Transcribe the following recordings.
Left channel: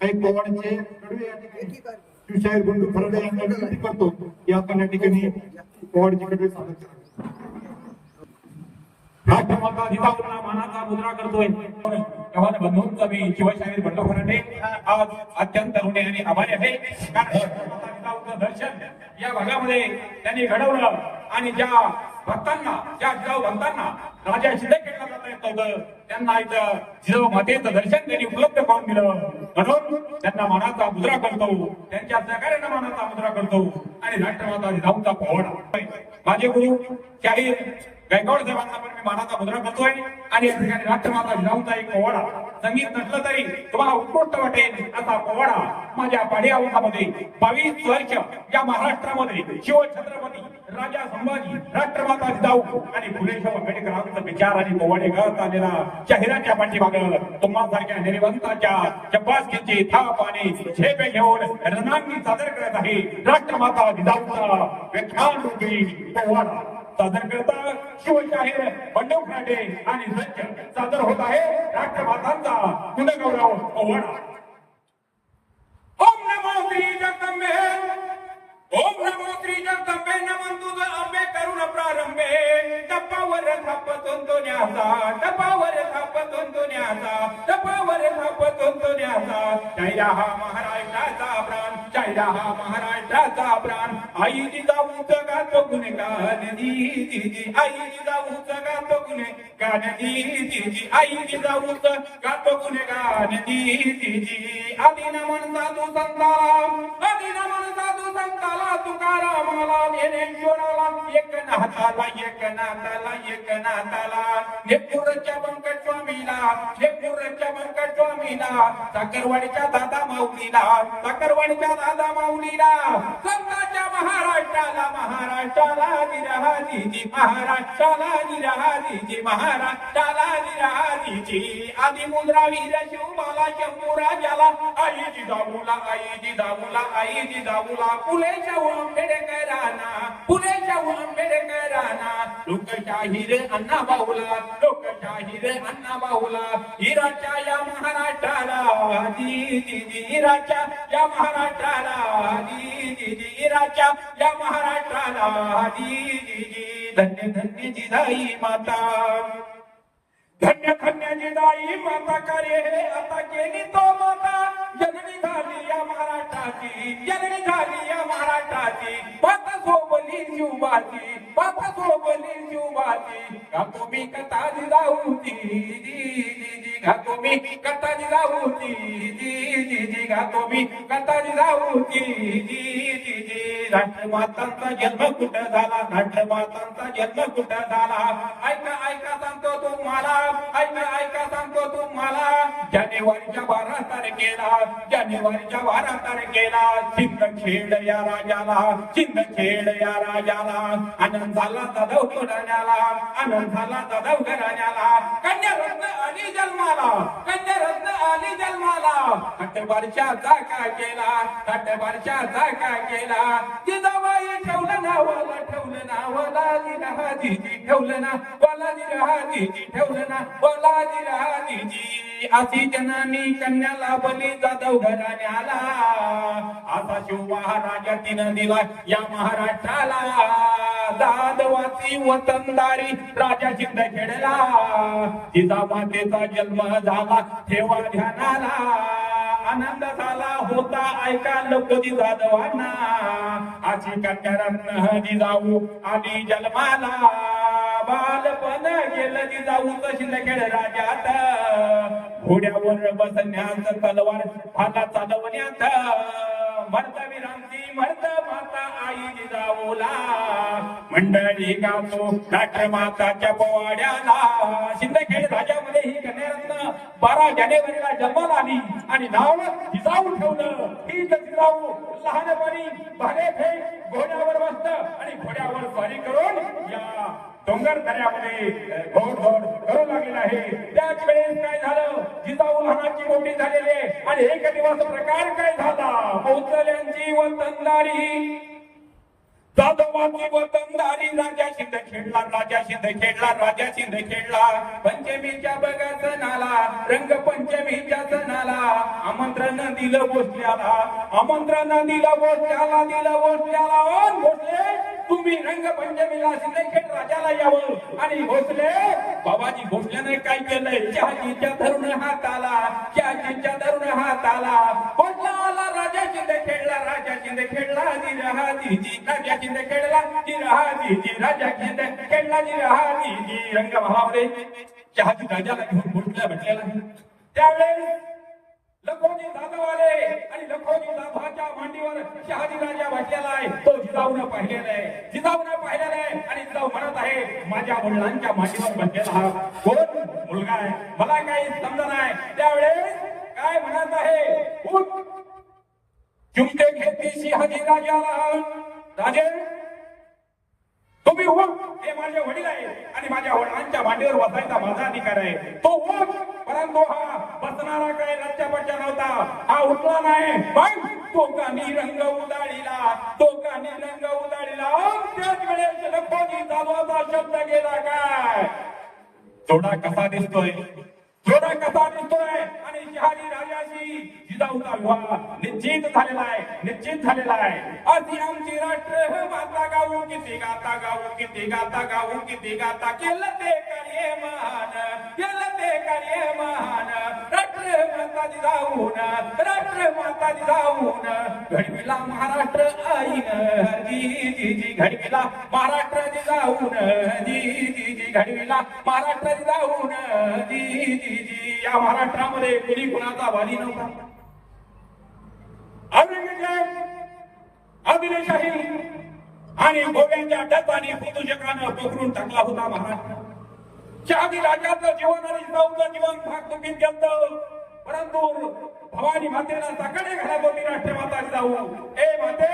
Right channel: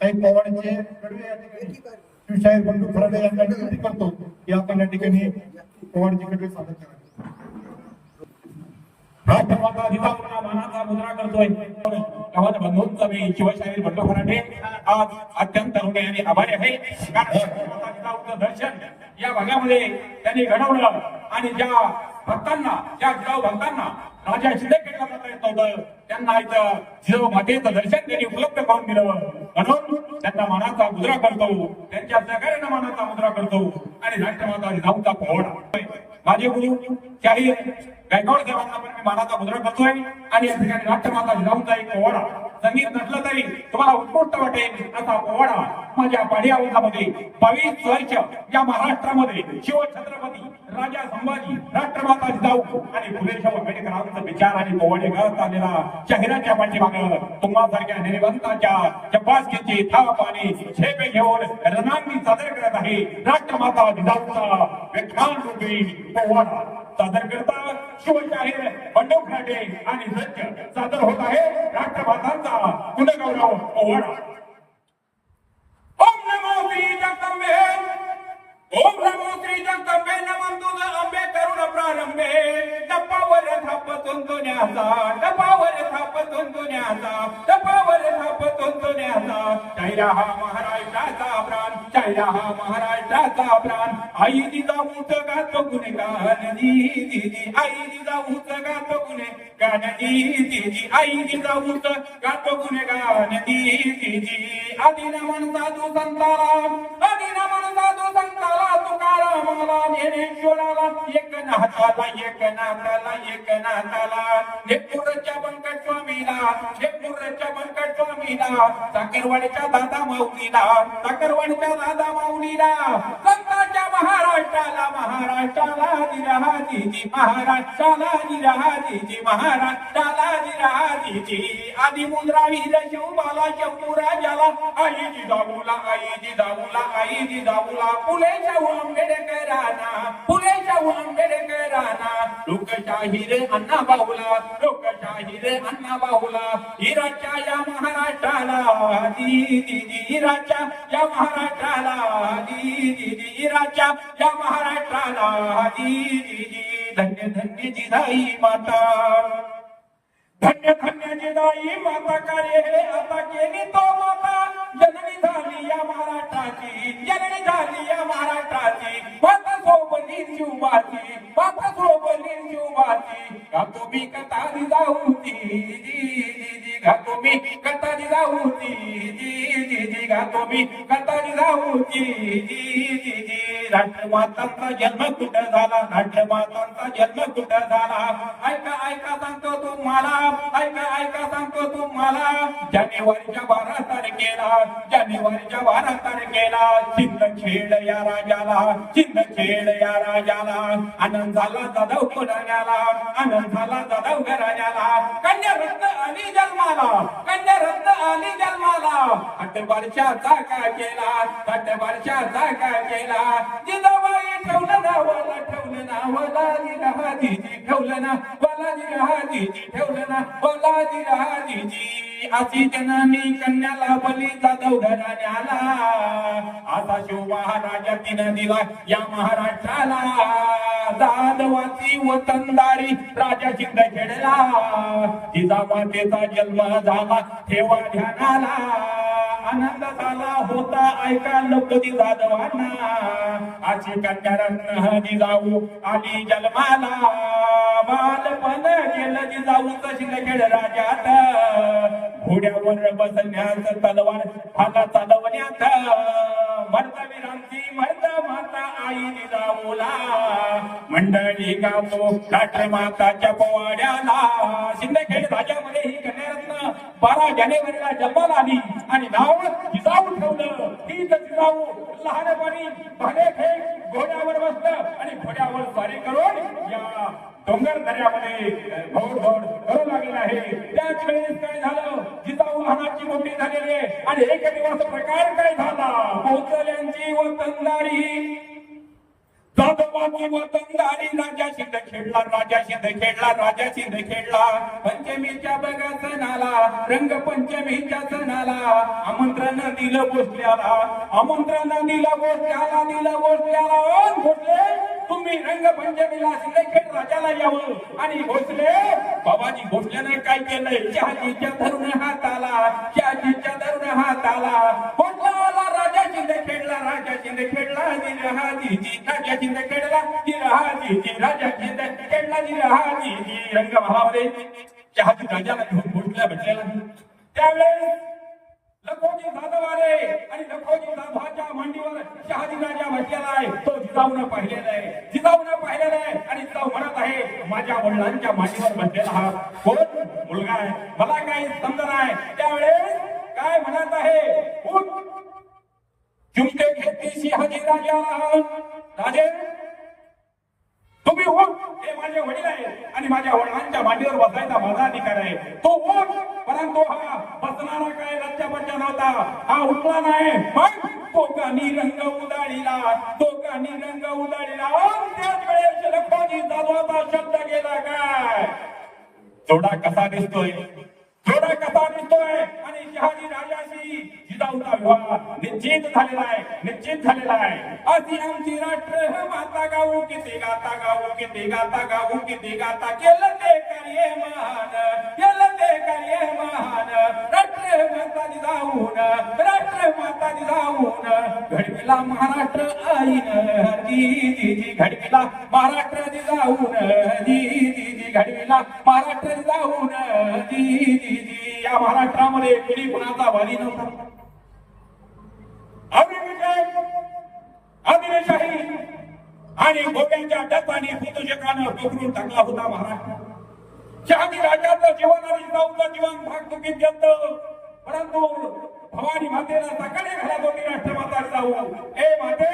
काही पवारांचे कडवे या ठिकाणी शिवशाहीर बंधू खराडे यांना विनंती करतो की आपण या ठिकाणी पवारचे कडवे सादर मुद्रा करतोय. गावात मी शिवशाहीर बंडू खराटे आज अत्यंत हृदयाने आभारी आहे. दर्शन या भागामध्ये त्यांनी घडवलं आणि ज्या भक्तांना ज्या जिजाऊ भक्तांना राजा शिंदेखेडला जाता येत नव्हतं त्यांना इथं जिजाऊ मातेचं दर्शन त्यांनी उपलब्ध करून दिलं. म्हणून त्यांना मनाचा मुद्रा करतो त्यांच्या सहकार्यानं मनाचा मुद्रा करतो आणि राष्ट्रमाता जिजाऊंचा पाहुणा माझे गुरु शाही गायकवाड साहेबांना पण मी मानाचा मुद्रा करतोय आणि या ठिकाणी राष्ट्रमाता जिजाऊंचा एक पोवाडा संगीत नसलं तरी तुम्हाला उत्कृष्ट वाटेल असा पोवाडा माझ्या पाडियावतामध्ये बावीस वर्ष या महाराष्ट्रामध्ये शिवछत्रपती राजा संभाजी राष्ट्रमाता जिजाऊ आणि फुलेशाह आंबेडकरांचा विचार आणि पोवाडे गळत आलेला चेहऱ्याच्या पाठीमागं तुम्हासारख्या निर्वंताच्या चपासकीची थाप आणि झेपे घेऊन रणांगी सादर करत आहे राष्ट्रमाता जिजाऊचा व्याख्यान रूपी पोवाडा. सादर करता शिवशाहीर बंडू खराटे आणि सज्ज सादर होत आहे राष्ट्रमातांचा कुलगौरव पोवाडा. प्रारंभे. टप्पावर थापतून तो न्यासा टप्पावर थापतून तो न्यासा टप्पावर थापतून हा महाराष्ट्राचा प्राण चायला हा महाराष्ट्राचा प्राण. आई जिजाऊच गातो गुणगान दीदी आई गुणगान दीदी आई जिजाऊच गातो गुणगान दीदी आदी नमन साधू संताला आदी नमन साधू संताला तुकारामाला ज्ञानेश्वराला एक नाथाला एक नाथाला एक नाथाला नेपुरच्या बंकट स्वामीला नेपुरच्या बंकट स्वामीला साखरवाडीच्या दादा माऊलीला साखरवाडीच्या दादा माऊलीला दिरा महाराष्ट्राला दिरा महाराष्ट्राला दिरा दिजी मुद्रा वीर शिवबाला शंभू राजाला. आई जिजाऊला आई जिजाऊला आई जिजाऊला. फुले शाहू आंबेडकरांना फुले शाहू आंबेडकरांना लोकशाहीर अण्णा बाहुला, लोकशाहीर अण्णा बाहुला. हिराच्या या महाराष्ट्राला दी दी या महाराष्ट्राला दी दी या महाराष्ट्राला धन्य धन्य जिजाई माता. धन्य धन्य जिजाई माता कार्य हे आता केली तो माता. जननी झाली या महाराष्ट्राची, जननी झाली या महाराष्ट्राची. माता सोबली बापा माता. सोबली शिवबाची का तुम्ही कथा जिजाऊची दी दी घातो मी कथा जिजाऊची दी दी गा तुम्ही कथा जिजाऊची दी दी राष्ट्रमातांचा जन्म कुठे झाला? राष्ट्रमातांचा जन्म कुठे झाला? ऐका ऐका सांगतो तुम्हाला ऐका ऐका सांगतो तुम्हाला. जानेवारीच्या बारा तारखेला जानेवारीच्या बारा तारखेला सिंदखेड या राजाला सिंदखेड या राजाला आनंद झाला जाधव घराण्याला आनंद झाला जाधव घराण्याला. कन्या रत्न आली जन्माला कन्या रत्न आली जन्माला वर्षाचा का केला साठ वर्षाचा का केला. जिजाबाई ठेवलं नावाला ठेवलं नाव लाली राहादीजी ठेवलं ना बालाजी राहादीजी ठेवलं ना बालाजी राहादीजी अशी जनानी कन्याला बली जाधव घराण्याला. असा शिव महाराजा तिनं दिला या महाराष्ट्राला. जाधवाची वतनदारी राजा शिंदे खेळला जिजाबातेचा जन्म झाला ठेवा ध्यानाला. आनंद झाला होता ऐका लोकजी जाधवांना. अशी कन्यारत्न जाऊ आली जन्माला. बालपण गेलं जाऊ कशी खेळ राजात. घोड्यावर बसण्यात तलवार हाता चालवण्यात. मर्तवीरांची मर्त माता आई जिजाऊला मंडळी गातो माताच्या पोवाड्याला. शिंदखेड राजामध्ये ही कन्यारत्न बारा जानेवारीला जन्माला आली आणि नाव जिजाऊ ठेवलं. ही जिजाऊ लहानपणी भाडे फेक घोड्या काय राजा खेळला राजा खेळला राजा खेळला पंचमीच्या बघा सणाला सणाला आमंत्रण दिलं गोष्टीला आमंत्रण दिलं गोष्टीला दिलं गोष्टीला. तुम्ही रंगपंचमीला राजाला यावं. आणि भोसले बाबाजी भोसल्याने काय केलंय? शहाजीच्या धरून हाताला शहाजीच्या धरून हाताला. आला राजा खेळला ती खेळला निरहादीजी राजा जिंद खेळला निरहादीजी राजा जिंद खेळला निरहादीजी रंग भावामध्ये शहाजी राजाला घेऊन भोसल्या भेटलेला त्यावेळेस लखोजी जाधव आले आणि लखोजी जाधवाच्या मांडीवर शहाजी राजा बसलेला आहे. तो जिजाऊन पाहिलेला आहे. जिजाऊन पाहिलेला आहे आणि जिजाऊ म्हणत आहे माझ्या वडिलांच्या मांडीवर बसलेला हा हो, तुम्ही उठ हे माझे वडील आहे आणि माझ्या वडिलांच्या मांडीवर बसायचा माझा अधिकार आहे. तो उठ परंतु हा बसणारा काय लच्चा बच्चा नव्हता. हा उठला नाही. पण तो कानी रंग उदाळीला तो कानी रंग उदाळीला त्याच वेळेस लखोजी जाधवाचा शब्द गेला काय? जोडा कसा दिसतोय? जोडा कसा दिसतोय? आणि शहाजी राजाशी जिजाऊचा विवाह निश्चित झालेला आहे निश्चित झालेला आहे. अशी आमची राष्ट्र माता गाऊ किती गाता गाऊ किती गाता गाऊ किती गाता केलं ते कार्य महान केलं ते कार्य महान. आदिलशाही आणि गोव्याच्या डचाने पुतुशकानं बिघडून टाकला होता महाराज. शहाजी राजाचं जीवन आणि जिजाऊचं जीवन भाग गेलं परंतु भवानी मातेला सकाळी घालत होती राष्ट्रमाता जिजाऊ हो. ए माते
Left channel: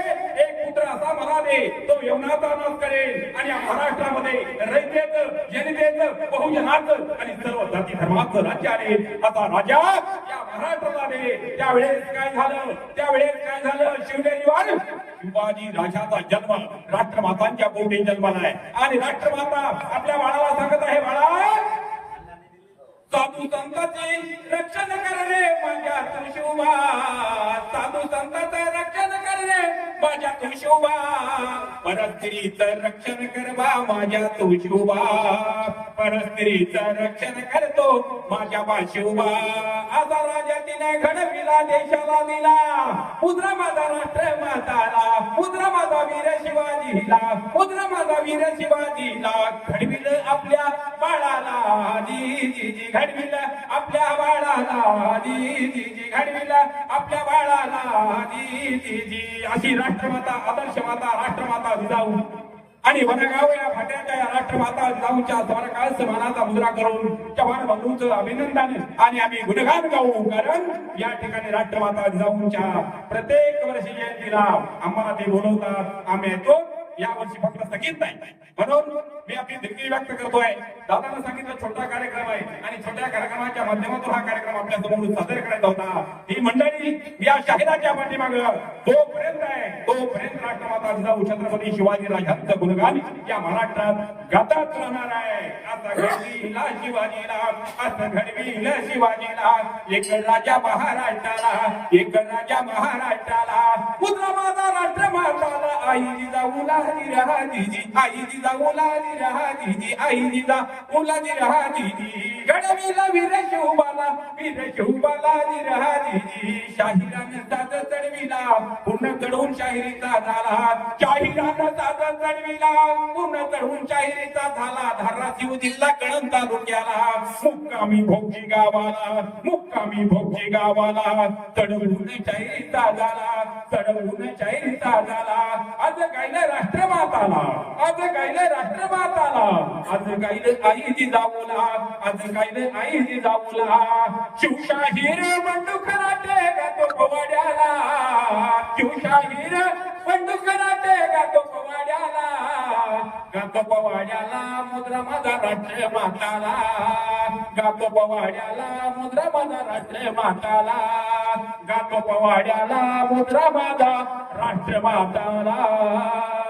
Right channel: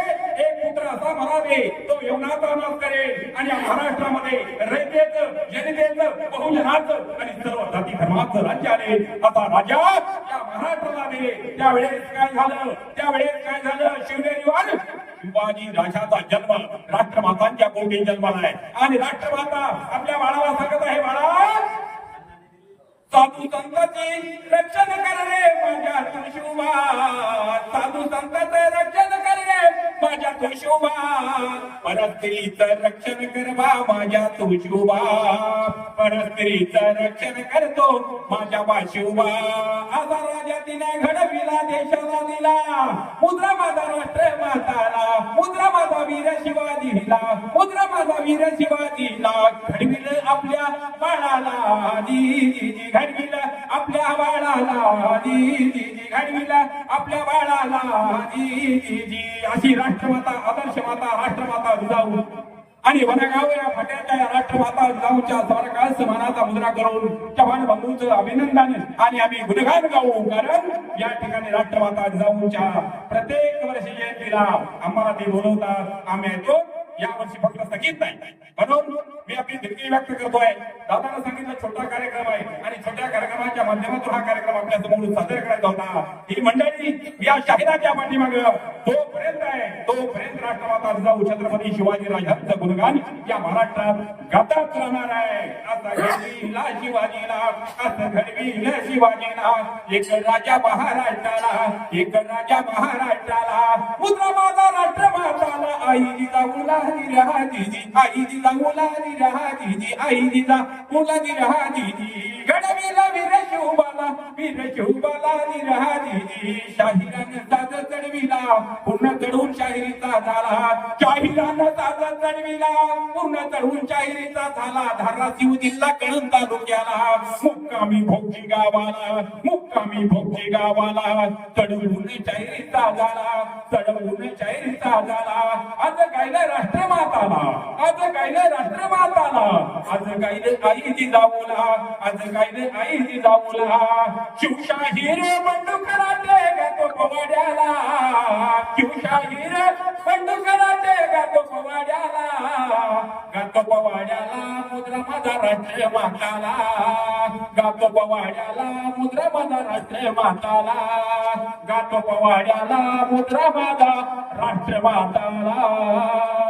एक पुत्र असा मला दे तो यमुनाचा नाश करेल आणि महाराष्ट्रामध्ये रयतेचं जनतेचं बहुजनाचं आणि सर्व जाती धर्माचं राज्य आहे. आता राजा या महाराष्ट्राला दे. त्यावेळेस काय झालं? त्यावेळेस काय झालं? शिवनेरीवर शिवाजी राजाचा जन्म राष्ट्रमातांच्या पोटी जन्माला आहे. आणि राष्ट्रमाता आपल्या बाळाला सांगत आहे बाळा साधू संतांचे रक्षण करणे रे माझ्या तुळशिवबा साधू संतांचे रक्षण माझ्या तुळशिवबा परस्त्रीचं रक्षण करवा माझ्या तुळशिवबा परस्त्रीचं रक्षण करतो माझ्या बाशिवबा आता राजा तिने घडविला देशाला दिला. मुद्रा माझा राष्ट्र माताला मुद्रा माझा वीर शिवाजी शिवाजीला मुद्रा माझा वीर शिवाजीला. घडविलं आपल्या बाळाला जी घडविलं आपल्या बाळाला जी घडविलं आपल्या बाळाला अशी राष्ट्रमाता आदर्श माता राष्ट्रमाता जिजाऊ आणि वनगाव या फट्याच्या या राष्ट्रमाता जिजाऊच्या स्वर्गाल समानाचा मुद्रा करून चव्हाण बंधूंचं अभिनंदन आणि आम्ही गुणगान गाऊ. कारण या ठिकाणी राष्ट्रमाता जिजाऊच्या प्रत्येक वर्षी जयंतीला आम्हाला ते बोलवतात. आम्ही येतो या वर्षी फक्त स्थगित नाही म्हणून मी आपली दिलगिरी व्यक्त करतोय. दादाला सांगितलं छोटा कार्यक्रम आहे आणि छोट्या कार्यक्रमाच्या हा कार्यक्रम आपल्यासमोर सादर करायचा होता. ही मंडळी या शहिदाच्या पाठीमाग तोपर्यंत आहे तोपर्यंत राष्ट्रमाता जिजाऊ छत्रपती शिवाजी राजांचं गुणगान महाराष्ट्रात गातात राहणार आहे. आता घडविला शिवाजीला असं घडविल शिवाजीला एक राजा महाराष्ट्राला एक राजा महाराष्ट्राला. माझा राष्ट्र आई दिदी आई दिदी आई दिदी वीर शिवबाला वीर शिवबाला दिदी चढविला पुन्हा चढून शाहिरीचा झाला. शाहिरानं साज चढविला पुन्हा चढून शाहिरीचा झाला. धाराशिव जिल्हा कळण तालुक्याला. मुक्कामी भोगी गावाला. मुक्कामी भोगी गावाला. चढवून शाहिरीचा झाला. चढवून शाहिरीचा झाला. आज गायला राष्ट्रमाताला. आज गायला राष्ट्रमाताला. आज गायलं आई जिजाऊला आज गायलं आई जिजाऊला शिवशाहीर बंडू कराटे गातो पवाड्याला. शिवशाहीर बंडू कराटे गातो पवाड्याला. गातो पवाड्याला मुद्रा माझा राष्ट्रीय माताला. गातो पवाड्याला मुद्रा माझा राष्ट्रीय माताला. गातो पवाड्याला मुद्रा माझा राष्ट्र माताला.